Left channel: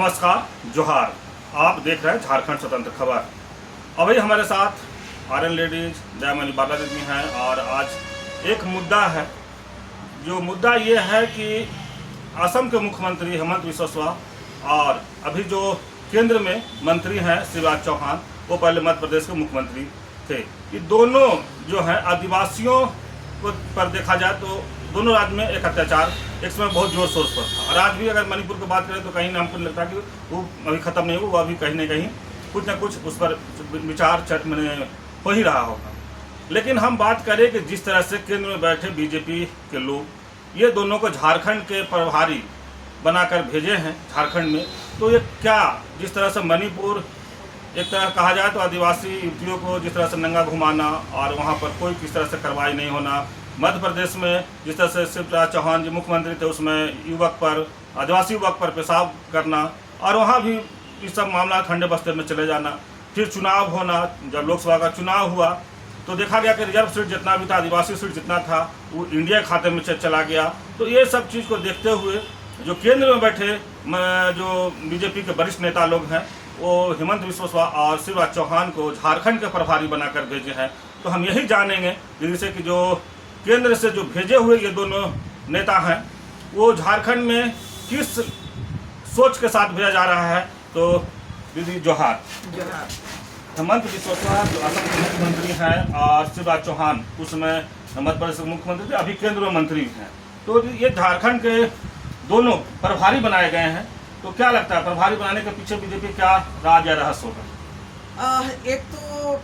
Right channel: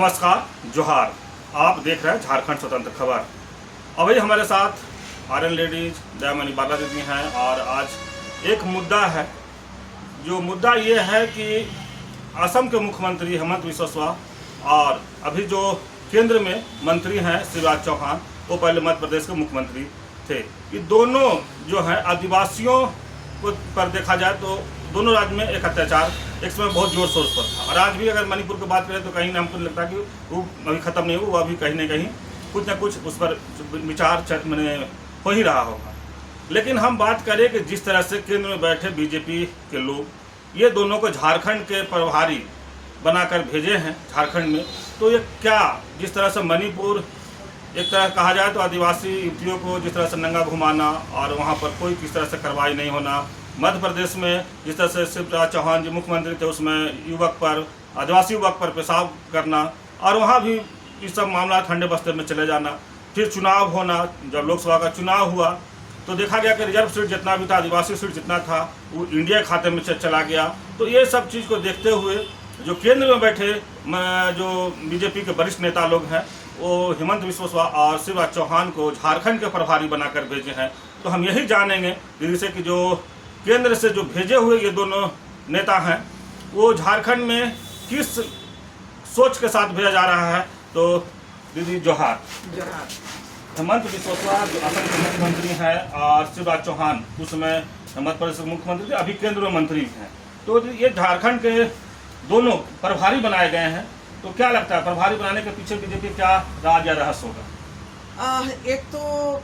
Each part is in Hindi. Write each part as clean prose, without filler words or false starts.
नमस्कार, जोहार। आप देख रहे हैं झारखंड स्वतंत्र खबर। अभी हमारे साथ आर्यन लेडीज दयामणि बाला दीदी हैं और आज एक मुद्दा है। जो मुद्दा ये है कि असम के मुख्यमंत्री हेमंत बिस्वा शर्मा और अभी जो केंद्र में मंत्री हैं शिवराज चौहान, वो पहले मध्य प्रदेश के मुख्यमंत्री थे। ये दोनों जो हैं आदिवासियों को पर देखा जाए तो दोनों राज्य में एक अत्याचार एक समय बहुत जोर शोर पर था और आज भी अगर मणिपुर की बात करें तो कहीं ना हमको लगता है कि वो अभी ख़त्म नहीं हुआ, वो अभी कहीं ना कुछ उस पर विचार मैंने हो ही रहा होगा। लेकिन हम बात करें कि जिस तरह से केंद्र में बैठे बीजेपी के लोग ये दोनों को झारखंड के प्रभारी बनाकर भेजे हैं झारखंड में, तो ये क्या जिस तरह से मणिपुर एक तरह कहा जाए तो आदिवासी युवतियों को जिस तरह से नंगा घुमाना और वहाँ पर कोई किस तरह से कार्रवाई नहीं होना, मध्य प्रदेश में जिस तरह से शिवराज चौहान जी मुख्यमंत्री थे उसमें युवक पर आदिवासी युवक पर पेशाब करना और वहाँ भी ये सब मामला ठंडे बस्ते में चले जाना, फिर चुनाव होना। जब लोकसभा का चुनाव हुआ तो देखा गया कि रिजर्व सीट जितना भी था, आदिवासी सीट जितना था, वो इंडिया खाते में चला गया। तो ये सब चीज़ को देखते हुए जो केंद्र में बैठे जो बीजेपी के वरिष्ठ नेता लोग हैं वो हेमंत बिस्वा शर्मा और शिवराज चौहान को झारखंड के प्रभारी बनाकर भेजे हैं। तो हम यही जानेंगे दीदी से कि जो केंद्र से जो भेजे हुए ये दोनों नेता हैं वो झारखंड में किस सोच के साथ भेजा जा रहा है। तो दीदी जोहार। हेमंत बिस्वा शर्मा जो असम के मुख्यमंत्री हैं और शिवराज चौहान उस समय मध्य प्रदेश के मुख्यमंत्री थे, अभी केंद्र में मंत्री हैं। तो ये झारखंड के दोनों प्रभारी बनाए गए हैं। तो क्या लगता है प्रभारी बनाने के पीछे बीजेपी क्या राज या रहस्य होगा? एक तो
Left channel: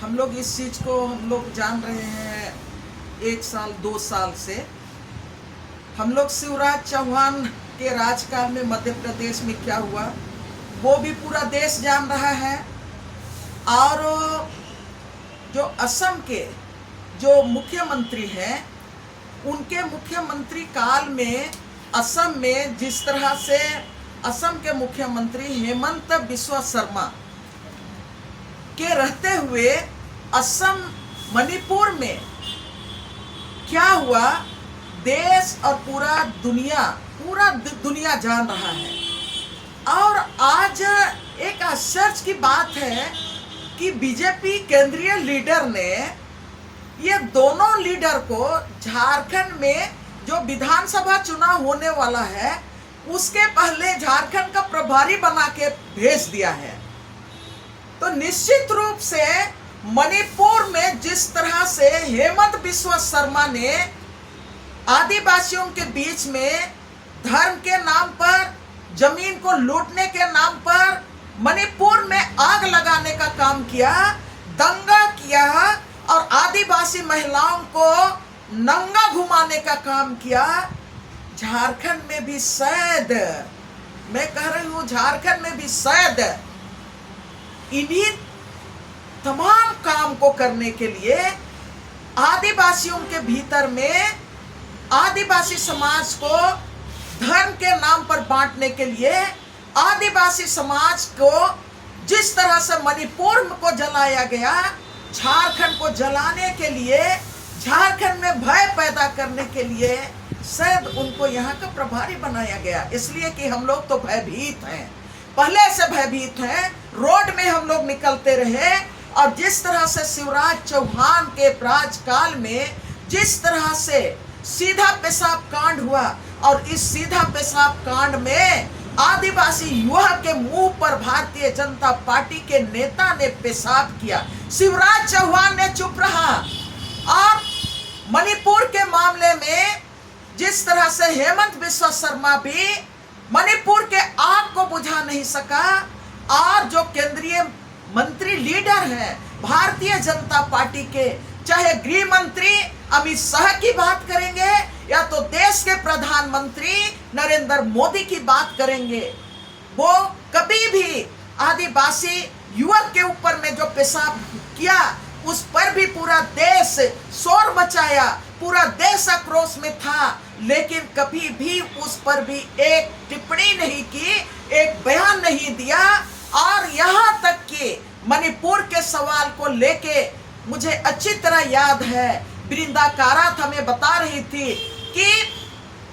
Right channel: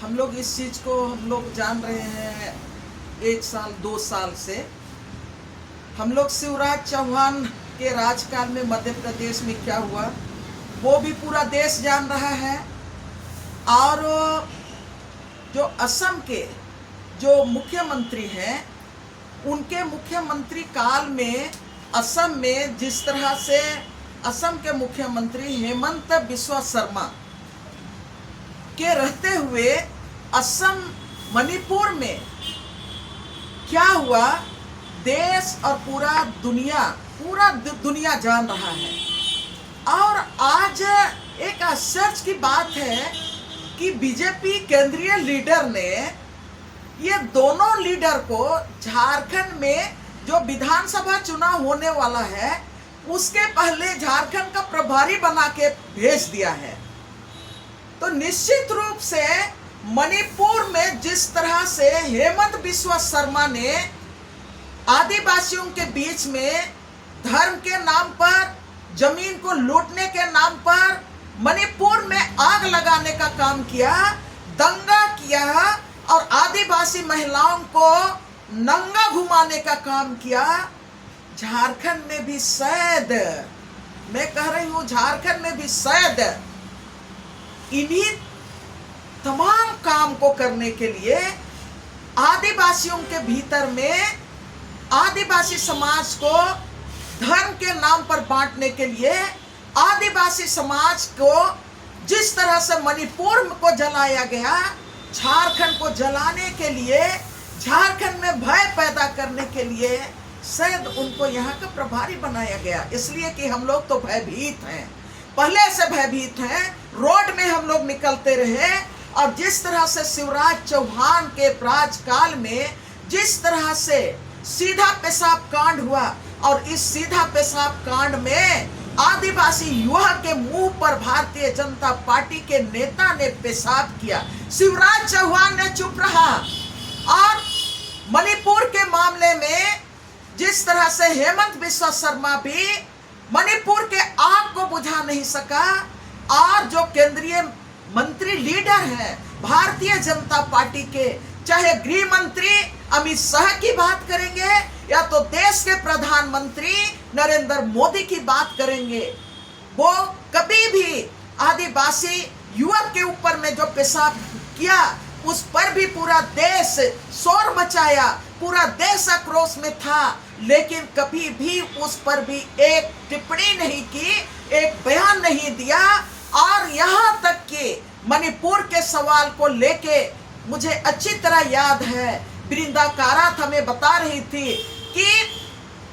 हम लोग इस चीज़ को हम लोग जान रहे हैं 1 साल 2 साल से। हम लोग शिवराज चौहान के राजकाल में मध्य प्रदेश में क्या हुआ वो भी पूरा देश जान रहा है। और जो असम के जो मुख्यमंत्री हैं उनके मुख्यमंत्री काल में असम में जिस तरह से असम के मुख्यमंत्री हेमंत बिस्वा शर्मा के रहते हुए असम मणिपुर में क्या हुआ देश और पूरा दुनिया जान रहा है। और आज एक आश्चर्य की बात है कि बीजेपी केंद्रीय लीडर ने ये दोनों लीडर को झारखंड में जो विधानसभा चुनाव होने वाला है उसके पहले झारखंड का प्रभारी बना के भेज दिया है। तो निश्चित रूप से मणिपुर में जिस तरह से हेमंत बिस्वा शर्मा ने आदिवासियों के बीच में धर्म के नाम पर जमीन को लूटने के नाम पर मणिपुर में आग लगाने का काम किया, दंगा किया और आदिवासी महिलाओं को नंगा घुमाने का काम किया, झारखंड में भी शायद, मैं कह रही हूं झारखंड में भी शायद इन्हीं तमाम काम को करने के लिए आदिवासियों के भीतर में आदिवासी समाज को धर्म के नाम पर बांटने के लिए आदिवासी समाज को जिस तरह से मणिपुर को जलाया गया, झारखंड को जलाने के लिए, झारखंड में भय पैदा करने के लिए शायद उनको यहाँ का प्रभारी बनाया गया। इसलिए कि हम लोग तो भयभीत हैं, पहले से भयभीत हैं, रोड में हम लोग निकलते रहे। और जिस तरह से शिवराज चौहान के राजकाल में जिस तरह से सीधा पेशाब कांड हुआ और इस सीधा पेशाब कांड में आदिवासी युवक के मुंह पर भारतीय जनता पार्टी के नेता ने पेशाब किया, शिवराज चौहान ने चुप रहा। और मणिपुर के मामले में जिस तरह से हेमंत बिस्वा शर्मा भी मणिपुर के आग को बुझा नहीं सका। और जो केंद्रीय मंत्री लीडर हैं भारतीय जनता पार्टी के, चाहे गृह मंत्री अमित शाह की बात करेंगे या तो देश के प्रधानमंत्री नरेंद्र मोदी की बात करेंगे, वो कभी भी आदिवासी युवक के ऊपर में जो पेशाब किया उस पर भी पूरा देश शोर मचाया, पूरा देश आक्रोश में था, लेकिन कभी भी उस पर भी एक टिप्पणी नहीं की, एक बयान नहीं दिया। और यहाँ तक कि मणिपुर के सवाल को लेके मुझे अच्छी तरह याद है, वृंदा कारात हमें बता रही थी कि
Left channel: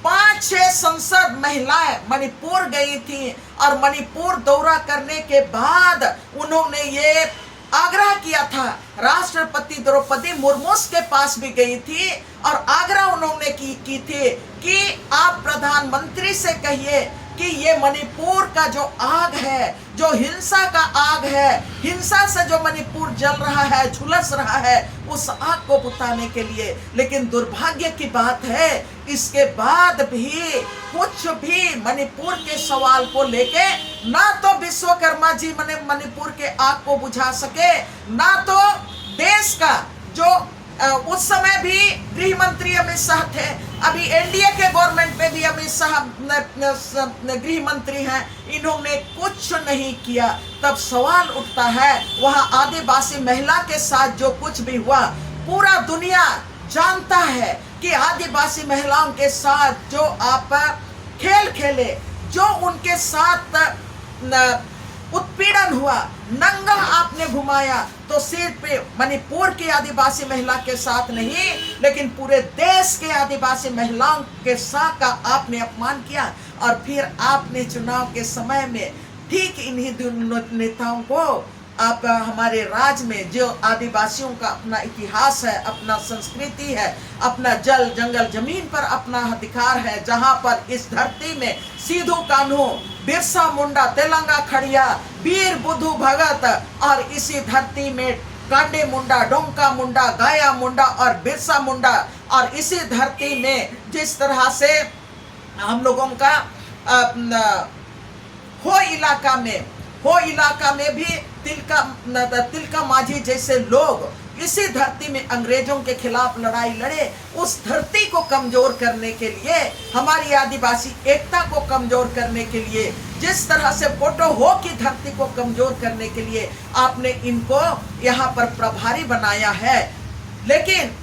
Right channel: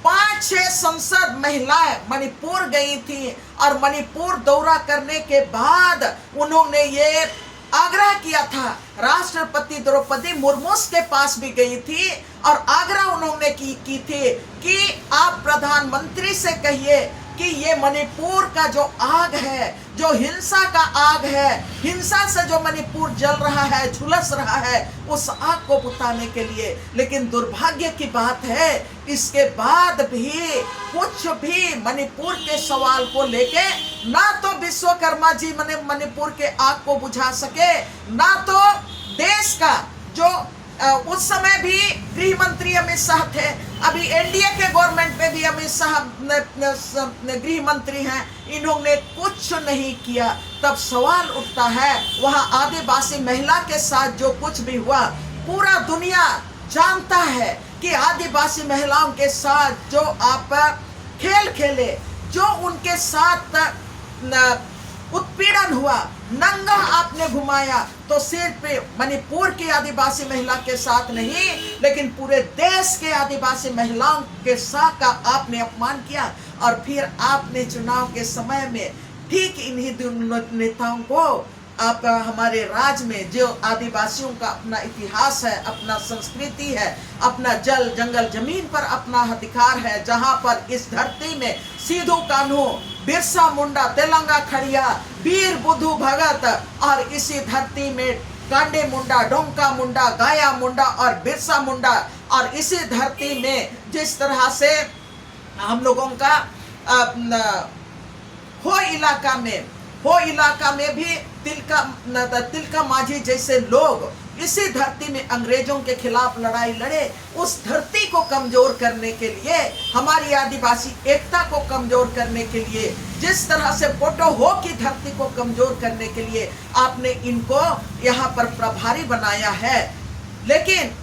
5-6 संसद महिलाएं मणिपुर गई थी और मणिपुर दौरा करने के बाद उन्होंने ये आग्रह किया था, राष्ट्रपति द्रौपदी मुर्मू के पास भी गई थी और आग्रह उन्होंने की थी कि आप प्रधानमंत्री से कहिए कि ये मणिपुर का जो आग है, जो हिंसा का आग है, हिंसा से जो मणिपुर जल रहा है, झुलस रहा है, उस आग को बुझाने के लिए। लेकिन दुर्भाग्य की बात है, इसके बाद भी कुछ भी मणिपुर के सवाल को लेके ना तो विश्वकर्मा जी मणिपुर के आग को बुझा सके, ना तो देश का जो उस समय भी गृह मंत्री अमित शाह थे, अभी एनडीए के गवर्नमेंट में भी अमित शाह गृह मंत्री हैं, इन्होंने कुछ नहीं किया। तब सवाल उठता है, वहां आदिवासी महिला के साथ जो कुछ भी हुआ, पूरा दुनिया जानता है कि आदिवासी महिलाओं के साथ जो आप खेल खेले, जो उनके साथ उत्पीड़न हुआ, नंगा आपने घुमाया, तो सिर्फ मणिपुर की आदिवासी महिला के साथ नहीं, लेकिन पूरे देश के आदिवासी महिलाओं के साथ का आपने अपमान किया। और फिर आपने चुनाव के समय में ठीक इन्हीं नेताओं को आप हमारे राज्य में जो आदिवासियों का अपना इतिहास है, अपना संस्कृति है, अपना जल जंगल जमीन पर अपना अधिकार है, जहां पर इस धरती में सिद्धू कान्हू, बिरसा मुंडा, तेलंगा खड़िया, वीर बुद्धू भगत और इसी धरती में कांडे मुंडा, डोंका मुंडा, गाया मुंडा और बिरसा मुंडा, और इसी धरती में जिस तरह से हम लोगों का हो इलाका में भी तिलका माझी जैसे लोग इसी धरती में अंग्रेजों के खिलाफ लड़ाई लड़े। उस धरती को कमजोर करने के लिए, हमारी आदिवासी एकता को कमजोर करने के लिए, जिस तरह से पोटो हो की धरती को कमजोर करने के लिए आपने इनको यहाँ पर प्रभारी बनाया है। लेकिन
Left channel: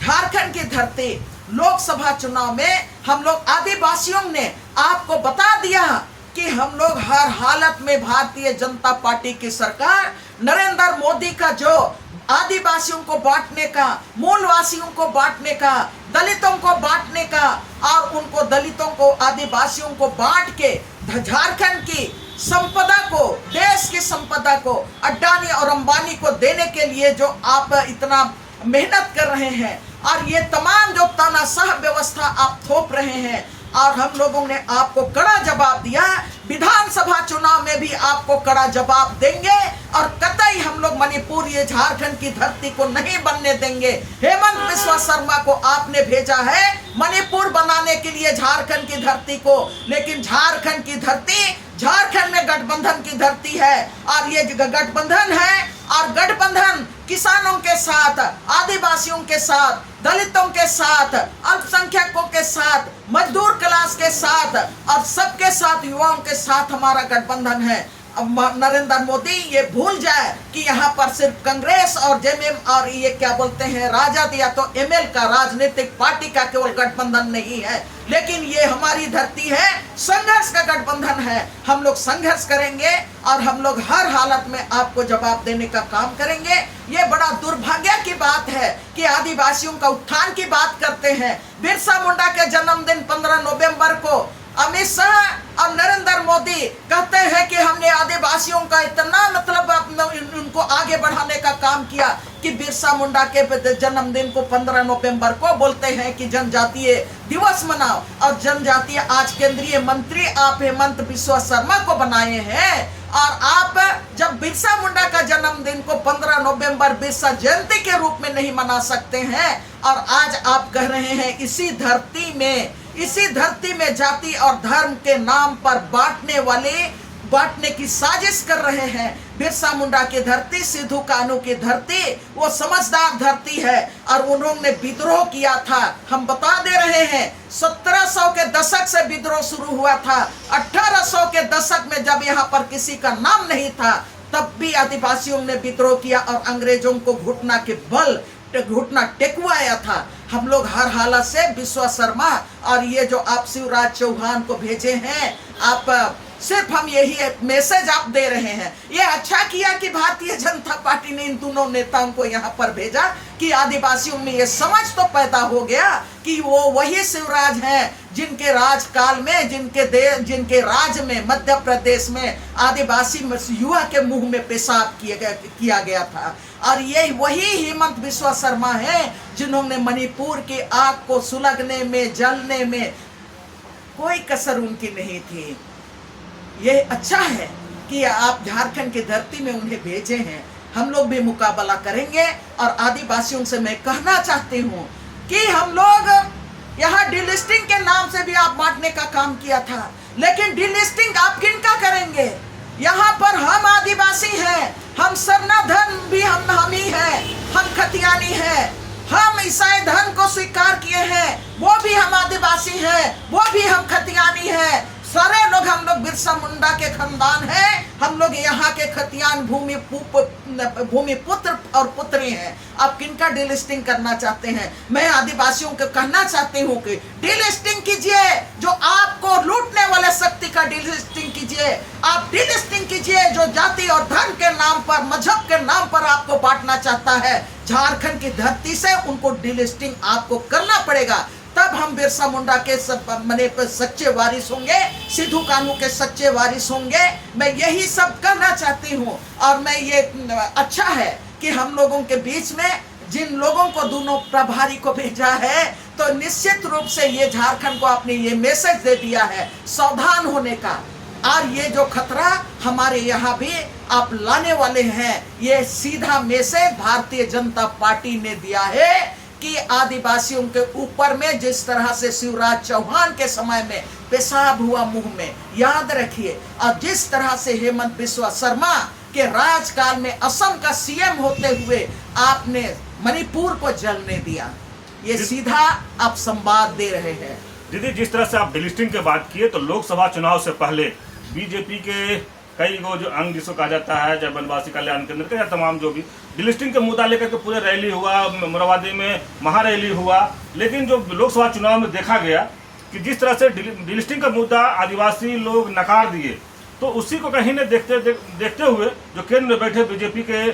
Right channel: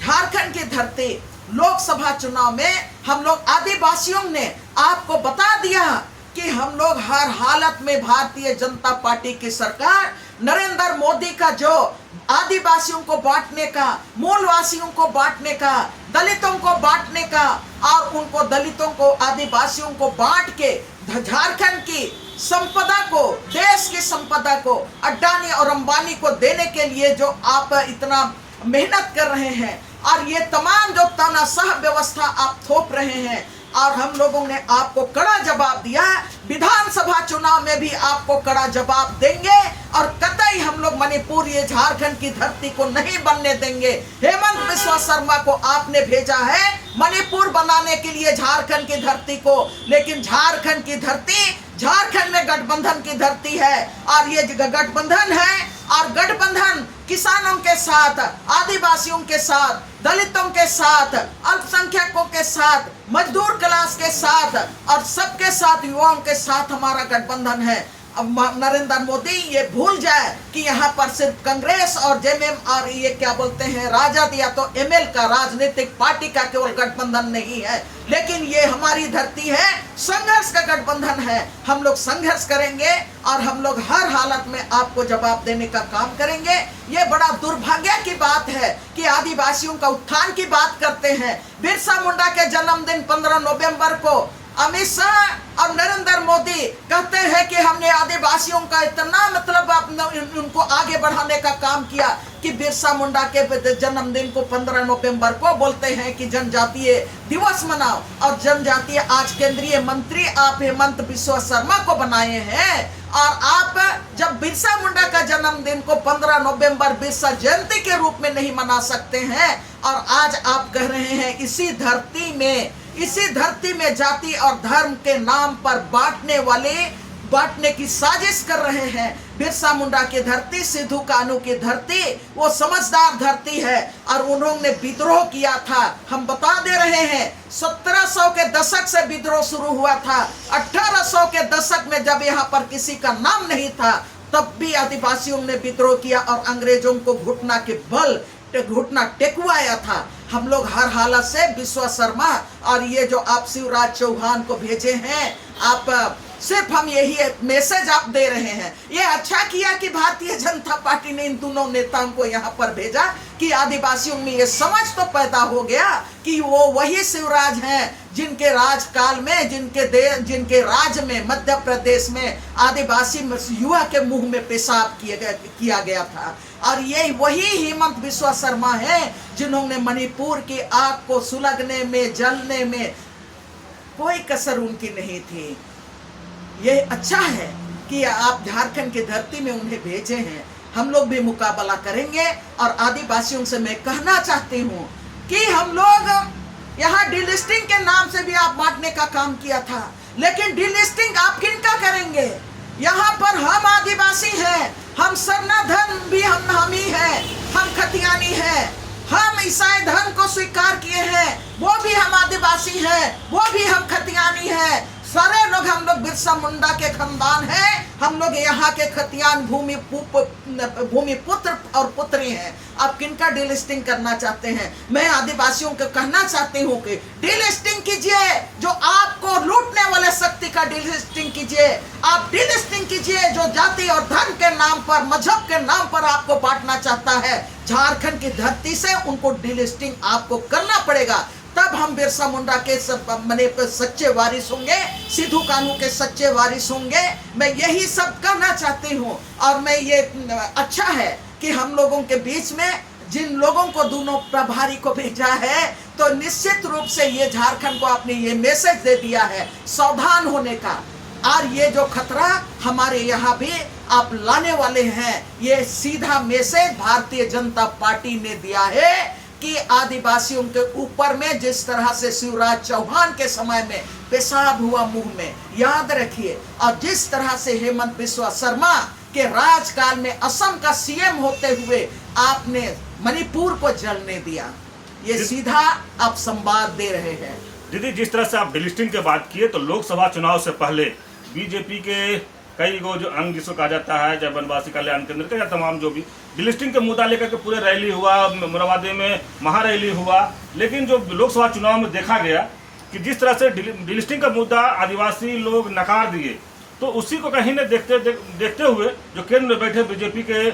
झारखंड की धरती, लोकसभा चुनाव में हम लोग आदिवासियों ने आपको बता दिया कि हम लोग हर हालत में भारतीय जनता पार्टी की सरकार, नरेंद्र मोदी का जो आदिवासियों को बांटने का, मूलवासियों को बांटने का, दलितों को बांटने का और उनको दलितों को, आदिवासियों को बांट के झारखंड की संपदा को, देश की संपदा को अडानी और अंबानी को देने के लिए जो आप इतना मेहनत कर रहे हैं और ये तमाम जो तानाशाह व्यवस्था आप थोप रहे हैं, और हम लोगों ने आपको कड़ा जवाब दिया। विधानसभा चुनाव में भी आपको कड़ा जवाब देंगे और कतई हम लोग मणिपुर, ये झारखंड की धरती को नहीं बनने देंगे। हेमंत बिस्वा शर्मा को आपने भेजा है मणिपुर बनाने के लिए झारखंड की धरती को, लेकिन झारखंड की धरती, झारखंड में गठबंधन की धरती है और ये गठबंधन है, और गठबंधन किसानों के साथ, आदिवासियों के साथ, दलितों के साथ, अल्पसंख्यकों के साथ, मजदूर क्लास के साथ और सबके साथ, युवाओं के साथ हमारा गठबंधन है। अब नरेंद्र मोदी ये भूल जाए कि यहाँ पर सिर्फ कांग्रेस और जेएमएम और ये क्या बोलते हैं राजद या तो एमएल का राजनीतिक पार्टी का केवल गठबंधन नहीं है, लेकिन ये हमारी धरती है, संघर्ष का गठबंधन है। हम लोग संघर्ष करेंगे और हम लोग हर हालत में आपको जवाब देने का काम करेंगे। ये बड़ा दुर्भाग्य की बात है कि आदिवासियों का उत्थान की बात करते हैं। बिरसा मुंडा के जन्मदिन 15 नवंबर को अमित शाह और नरेंद्र मोदी कहते हैं कि हमने आदिवासियों का इतना मतलब उनको आगे बढ़ाने का काम किया कि बिरसा मुंडा के जन्मदिन को 15 नवंबर को बोलते हैं कि जनजातीय दिवस मनाओ, और जनजातीय आज केंद्रीय मंत्री आप हेमंत बिस्वा शर्मा को बनाए हैं। और आप जब बिरसा मुंडा का जन्मदिन को 15 नवंबर बिरसा जयंती के रूप में नहीं मना सकते हैं, और आज आप कह रहे हैं इसी धरती में जाति और धर्म के नाम पर बांटने की साजिश कर रहे हैं। बिरसा मुंडा की धरती, सिद्धू कान्हू की धरती, वो समझदार धरती है और उन्होंने विद्रोह किया था। हम बता दे रहे हैं 1700 के दशक से विद्रोह शुरू हुआ था। 1800 के दशक में जब यहाँ पर किसी का नाम नहीं था, तब भी आदिवासियों ने विद्रोह किया और अंग्रेजों को घुटना टेकवाया था। हम लोग हर हालत से बिस्वा शर्मा और ये जो आप शिवराज चौहान को भेजे हैं, आप सिर्फ हम यही मैसेज आप दे रहे हैं। ये अच्छा किया कि भारतीय जनता पार्टी ने इन दोनों नेताओं को यहाँ पर भेजा, कि आदिवासियों में ये समझ तो पैदा हो गया कि वो वही शिवराज हैं जिनके राजकाल में, जिनके राज में मध्य प्रदेश में आदिवासी युवा के मुंह में पेशाब किया गया था। और ये वही हेमंत बिस्वा शर्मा है जिन्होंने मणिपुर की आग को सुलगने में, जलने में कोई कसर उनकी नहीं थी। ये अच्छा है कि आप झारखंड की धरती में उन्हें भेजे हैं। हम लोग भी मुकाबला करेंगे। और आदिवासियों से मैं कहना चाहती हूँ कि हम लोग यहाँ डिलिस्टिंग के नाम से भी आप बांटने का काम किया था, लेकिन डिलिस्टिंग आप किनका करेंगे? यहाँ पर हम आदिवासी हैं, हम सरना धन भी हम ही हैं, हम खतियानी हैं, हम ईसाई धर्म को स्वीकार किए हैं, वो भी हम आदिवासी हैं, वो भी हम खतियानी हैं। सारे लोग हम लोग बिरसा मुंडा के खानदान हैं। हम लोग यहाँ के खतियान भूमि पुत्र और पुत्री हैं। आप किनका डिलिस्टिंग करना चाहते हैं? मैं आदिवासियों को कहना चाहती हूँ कि डिलिस्टिंग कीजिए, जो आपको लूटने वाले शक्ति का डिलिस्टिंग कीजिए। आप डिलिस्टिंग कीजिए जो जाति और धर्म के नाम पर, मजहब के नाम पर आपको बांटना चाहता है। झारखंड की धरती से उनको डिलिस्टिंग आपको करना पड़ेगा, तब हम बिरसा मुंडा के सच्चे वारिस होंगे, सिद्धू कान्हू के सच्चे वारिस होंगे। मैं यही सब कहना चाहती हूँ। और मैं ये अच्छा है कि हम लोगों के बीच में जिन लोगों को दोनों प्रभारी को भेजा है, तो निश्चित रूप से ये झारखंड को आपने ये मैसेज दे दिया है सावधान होने का। और ये जो खतरा हमारे यहाँ भी आप लाने वाले हैं, ये सीधा मैसेज भारतीय जनता पार्टी ने दिया है कि आदिवासियों के ऊपर में जिस तरह से शिवराज चौहान के समय में पेशाब हुआ मुंह में, याद रखिए। और जिस तरह से हेमंत बिस्वा शर्मा के राजकाल में असम का सीएम होते हुए आपने मणिपुर को जलने दिया, ये सीधा आप संवाद दे रहे हैं। दीदी, जिस तरह से आप डिलिस्टिंग की बात किए, तो लोकसभा चुनाव से पहले बीजेपी के कई वो जो अंग जिसको कहा जाता है, जब वनवासी कल्याण केंद्र का या तमाम जो भी डिलिस्टिंग के मुद्दा लेकर के पूरे रैली हुआ, मोरहाबादी में महारैली हुआ। लेकिन जो लोकसभा चुनाव में देखा गया कि जिस तरह से डिलिस्टिंग का मुद्दा आदिवासी लोग नकार दिए, तो उसी को कहीं न देखते हुए जो केंद्र में बैठे बीजेपी के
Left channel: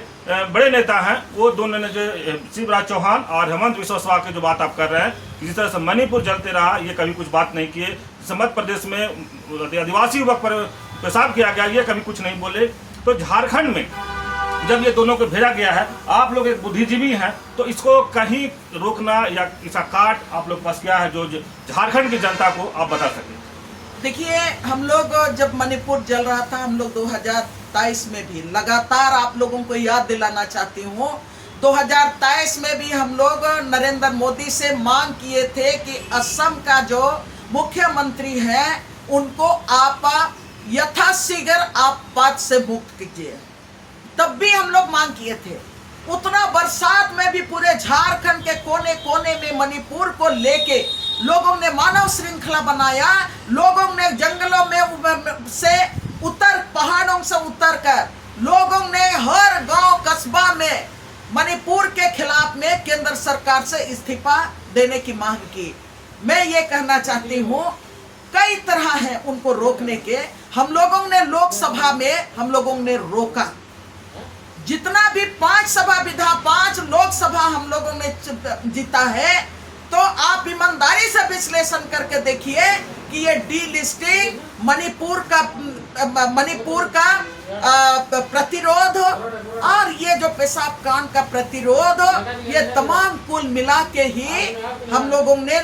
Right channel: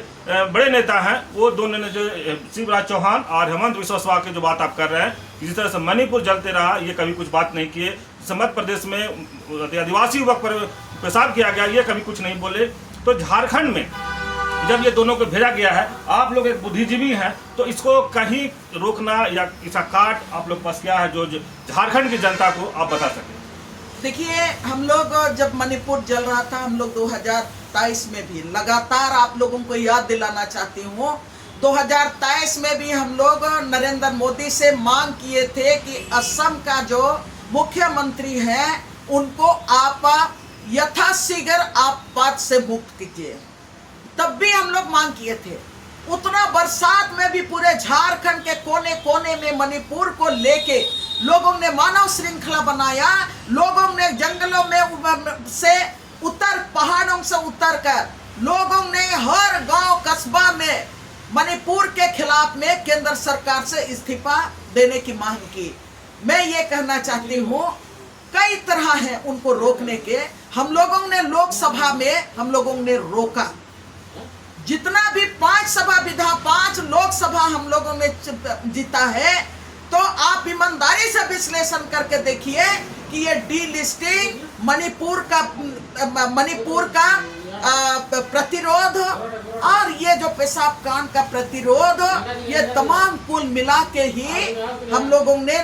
बड़े नेता हैं, वो दोनों ने जो शिवराज चौहान और हेमंत बिस्वा शर्मा की जो बात आप कर रहे हैं कि जिस तरह से मणिपुर जलते रहा, ये कभी कुछ बात नहीं किए। मध्य प्रदेश में आदिवासी युवक पर पेशाब किया गया, ये कभी कुछ नहीं बोले। तो झारखंड में जब ये दोनों को भेजा गया है, आप लोग एक बुद्धिजीवी हैं, तो इसको कहीं रोकना या इसका काट आप लोग पास क्या है जो झारखंड की जनता को आप बता सकें? देखिए, हम लोग जब मणिपुर जल रहा था, हम लोग 2023 में भी लगातार आप लोगों को याद दिलाना चाहती हूँ, 2023 में भी हम लोग नरेंद्र मोदी से मांग किए थे कि असम का जो मुख्यमंत्री है उनको आप यथाशीघ्र आप पद से मुक्त कीजिए। तब भी हम लोग मांग किए थे। उतना बरसात में भी पूरे झारखंड के कोने कोने में मणिपुर को लेके लोगों ने मानव श्रृंखला बनाया। लोगों ने जंगलों में से पहाड़ों से उतर कर लोगों ने हर गांव कस्बा में मणिपुर के खिलाफ में केंद्र सरकार से इस्तीफा देने की मांग की। मैं ये कहना चाहती हूँ, कई तरह हैं उनको रोकने के। हम लोगों ने लोकसभा में हम लोगों ने रोका, जितना भी 5 लोकसभा हम लोगों ने जीता है। तो आप ईमानदारी से विश्लेषण करके देखिए कि ये डीलिस्टिंग, मणिपुर का प्रतिरोध और ये जो पेशाब कांड का प्रतिरोध, ये तमाम कुल मिला के ही हम लोगों ने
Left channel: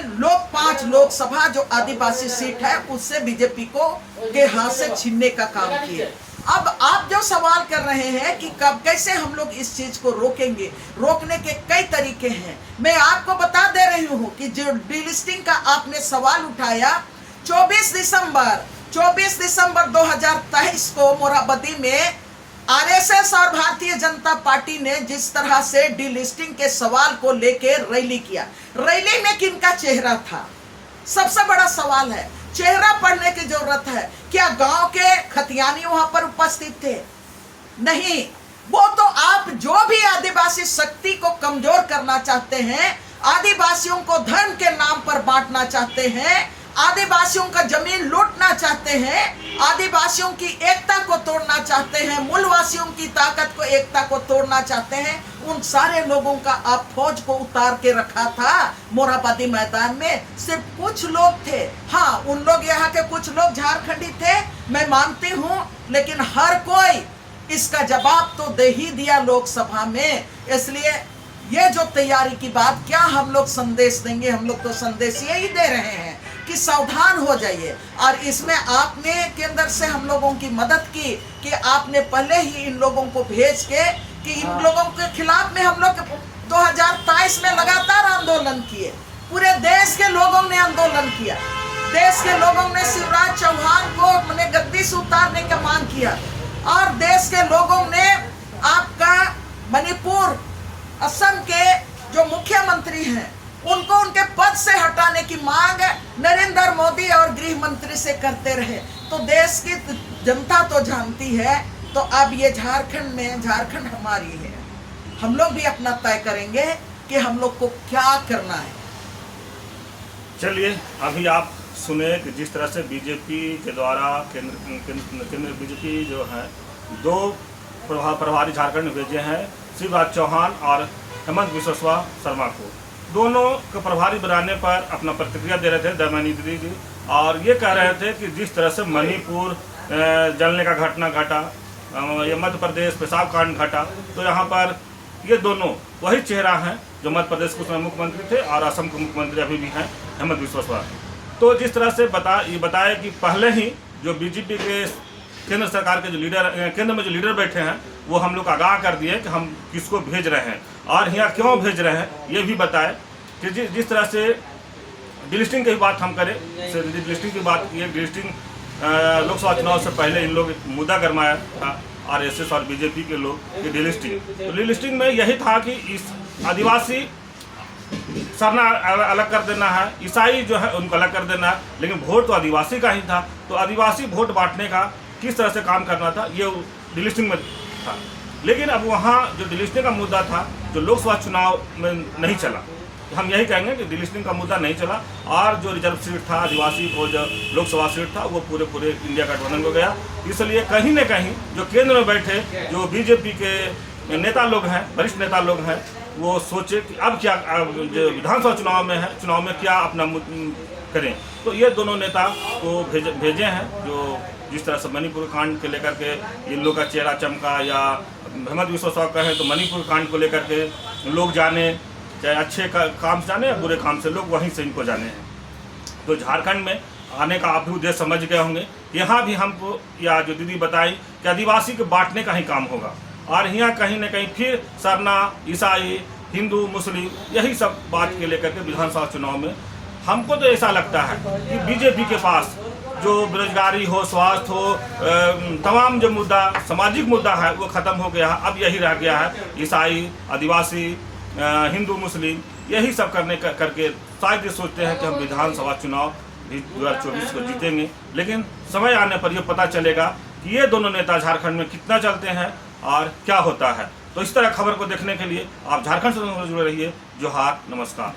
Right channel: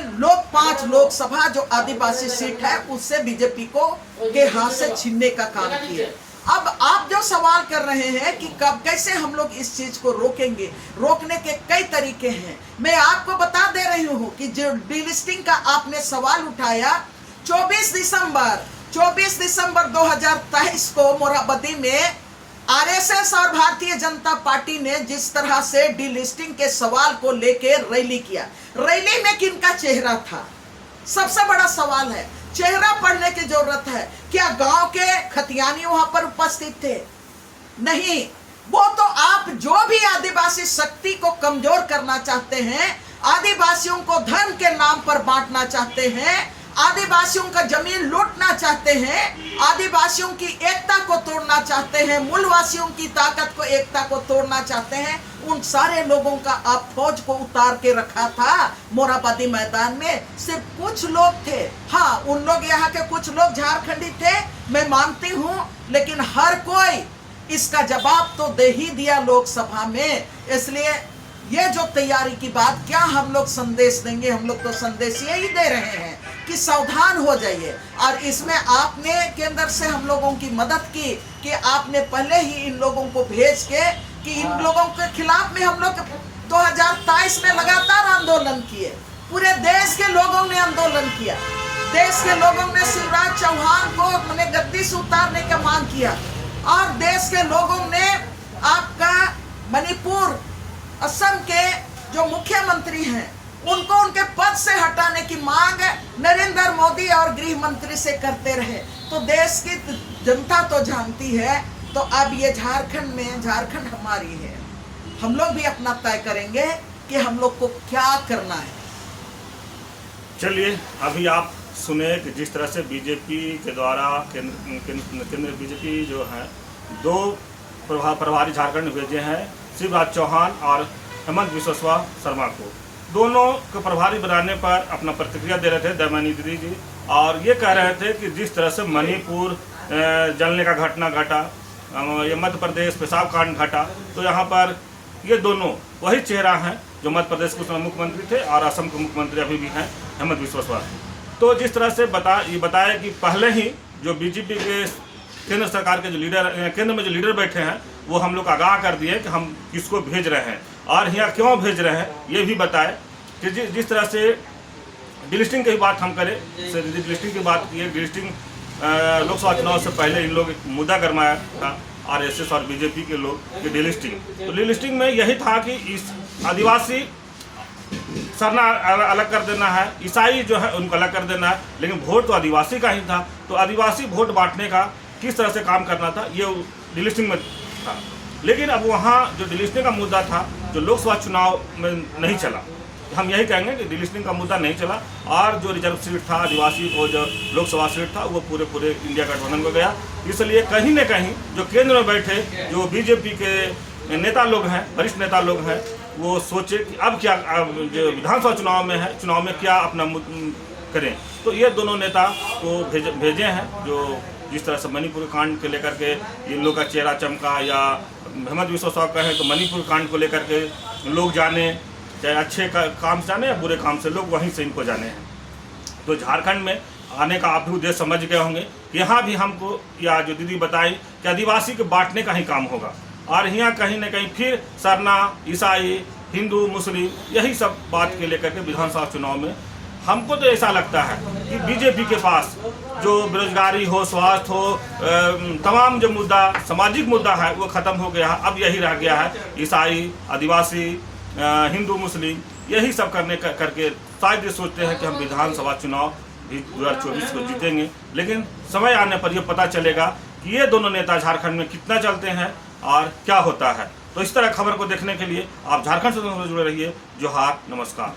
5 लोकसभा जो आदिवासी सीट है उससे बीजेपी को के हाथ से छीनने का काम किया। अब आप जो सवाल कर रहे हैं कि कब कैसे हम लोग इस चीज को रोकेंगे, रोकने के कई तरीके हैं। मैं आपको बता दे रही हूँ कि जो डीलिस्टिंग का आपने सवाल उठाया, 24 दिसंबर 2023 को मोरहाबादी में आरएसएस और भारतीय जनता पार्टी ने जिस तरह से डीलिस्टिंग के सवाल को लेकर रैली किया, रैली में किनका चेहरा था? सबसे बड़ा सवाल है, चेहरा पढ़ने की जरूरत है। क्या गांव के खतियानी वहां पर उपस्थित थे? नहीं। वो तो आप जो भी आदिवासी शक्ति को कमजोर करना चाहते हैं, आदिवासियों को धर्म के नाम पर बांटना चाहते हैं, आदिवासियों का जमीन लूटना चाहते हैं, आदिवासियों की एकता को तोड़ना चाहते हैं, मूलवासियों की ताकत को, एकता को तोड़ना चाहते हैं, उन सारे लोगों का आप फौज को उतार के रखा था मोरहाबादी मैदान में। सिर्फ कुछ लोग थे, हाँ उन लोग यहाँ के कुछ लोग झारखंडी थे, मैं मानती हूँ, लेकिन हर कोई इसका जवाब तो दे ही दिया लोकसभा में। इसलिए ये जो तैयारी की बात, क्या हम लोग संदेश देंगे? हम लोग तो संदेश यही दे रहे हैं कि सावधान हो जाइए। और इसमें आपने केंद्र से हम लोगों की मदद की कि आपने पहले ही इन लोगों को भेज के कि इन लोगों के खिलाफ में हम लोग 2023 में लगातार आंदोलन किए। पूरे देश के लोगों ने आंदोलन किया। देश के लोगों ने शिवराज चौहान को अपने गद्दी से उतारने का मांग किया, और देश के लोगों ने आपका मणिपुर, असम के जो मुख्यमंत्री हैं उनको उनके पद से हटाने की मांग नरेंद्र मोदी और गृह मंत्री से करते रहे। तो देश की जनता तो जानती है। तो अब ये झारखंड में, झारखंड हमारी है, हम लोग भी अपना तय करेंगे कि हम लोग को क्या करना है। चलिए अभी आप सुने कि जिस तरह से बीजेपी के द्वारा केंद्र बीजेपी जो है 2 प्रभारी झारखंड में भेजे हैं, शिवराज चौहान और हेमंत बिस्वा शर्मा को। दोनों को प्रभारी बनाने पर अपना प्रतिक्रिया दे रहे थे दयामनी दीदी जी, और ये कह रहे थे कि जिस तरह से मणिपुर जलने का घटना घटा, ये मध्य प्रदेश पेशाब कांड घटा, तो यहाँ पर ये दोनों वही चेहरा हैं जो मध्य प्रदेश के मुख्यमंत्री थे और असम के मुख्यमंत्री अभी भी हैं, हेमंत बिस्वा। तो जिस तरह से बताया कि पहले ही जो बीजेपी के केंद्र सरकार के जो लीडर, केंद्र में जो लीडर बैठे हैं, वो हम लोग आगाह कर दिए कि हम किसको भेज रहे हैं और यहाँ क्यों भेज रहे हैं, ये भी बताए कि जिस तरह से डिलिस्टिंग की बात हम करें, डिलिस्टिंग की बात की है। डिलिस्टिंग लोकसभा चुनाव से पहले इन लोग मुद्दा गरमाया था आरएसएस और बीजेपी के लोग, कि डिलिस्टिंग। तो डिलिस्टिंग में यही था कि इस आदिवासी सरना अलग कर देना है, ईसाई जो है उनको अलग कर देना है, लेकिन वोट तो आदिवासी का ही था। तो आदिवासी वोट बांटने का किस तरह से काम करना था, ये डिलिस्टिंग में था। लेकिन अब वहाँ जो डिलिस्टिंग का मुद्दा था, जो लोकसभा चुनाव में नहीं चला, हम यही कहेंगे कि डिलिस्टिंग का मुद्दा नहीं चला, और जो रिजर्व सीट था आदिवासी को, जो लोकसभा सीट था, वो पूरे इंडिया गठबंधन को गया। इसलिए कहीं न कहीं जो केंद्र में बैठे जो बीजेपी के नेता लोग हैं, वरिष्ठ नेता लोग हैं, वो सोचे कि अब क्या, जो विधानसभा चुनाव में क्या अपना करें। तो ये दोनों नेता को भेजे हैं, जो जिस तरह से मणिपुर कांड के लेकर के इन लोग का चेहरा चमका, या हेमंत बिस्वा कहें तो मणिपुर कांड को लेकर के लोग जाने, चाहे अच्छे काम से जाने या बुरे काम से, लोग वहीं से इनको जाने हैं। तो झारखंड में आने का आप भी उद्देश्य समझ गए होंगे। यहाँ भी हमको, या जो दीदी बताई, कि आदिवासी को बांटने का ही काम होगा, और यहाँ कहीं न कहीं फिर सरना, ईसाई, हिंदू, मुस्लिम, यही सब बात के लेकर के विधानसभा चुनाव में हमको तो ऐसा लगता है कि बीजेपी के पास जो बेरोजगारी हो, स्वास्थ्य हो, तमाम जो मुद्दा, सामाजिक मुद्दा है, वो खत्म हो गया है। अब यही रह गया है ईसाई, आदिवासी, हिंदू, मुस्लिम, यही सब करके शायद ये सोचते हैं कि हम विधानसभा चुनाव 2024 को जीतेंगे। लेकिन समय आने पर यह पता चलेगा कि ये दोनों नेता झारखंड में कितना चलते हैं और क्या होता है। तो इस तरह खबर को देखने के लिए आप झारखंड से जुड़े रहिए। जोहार, नमस्कार।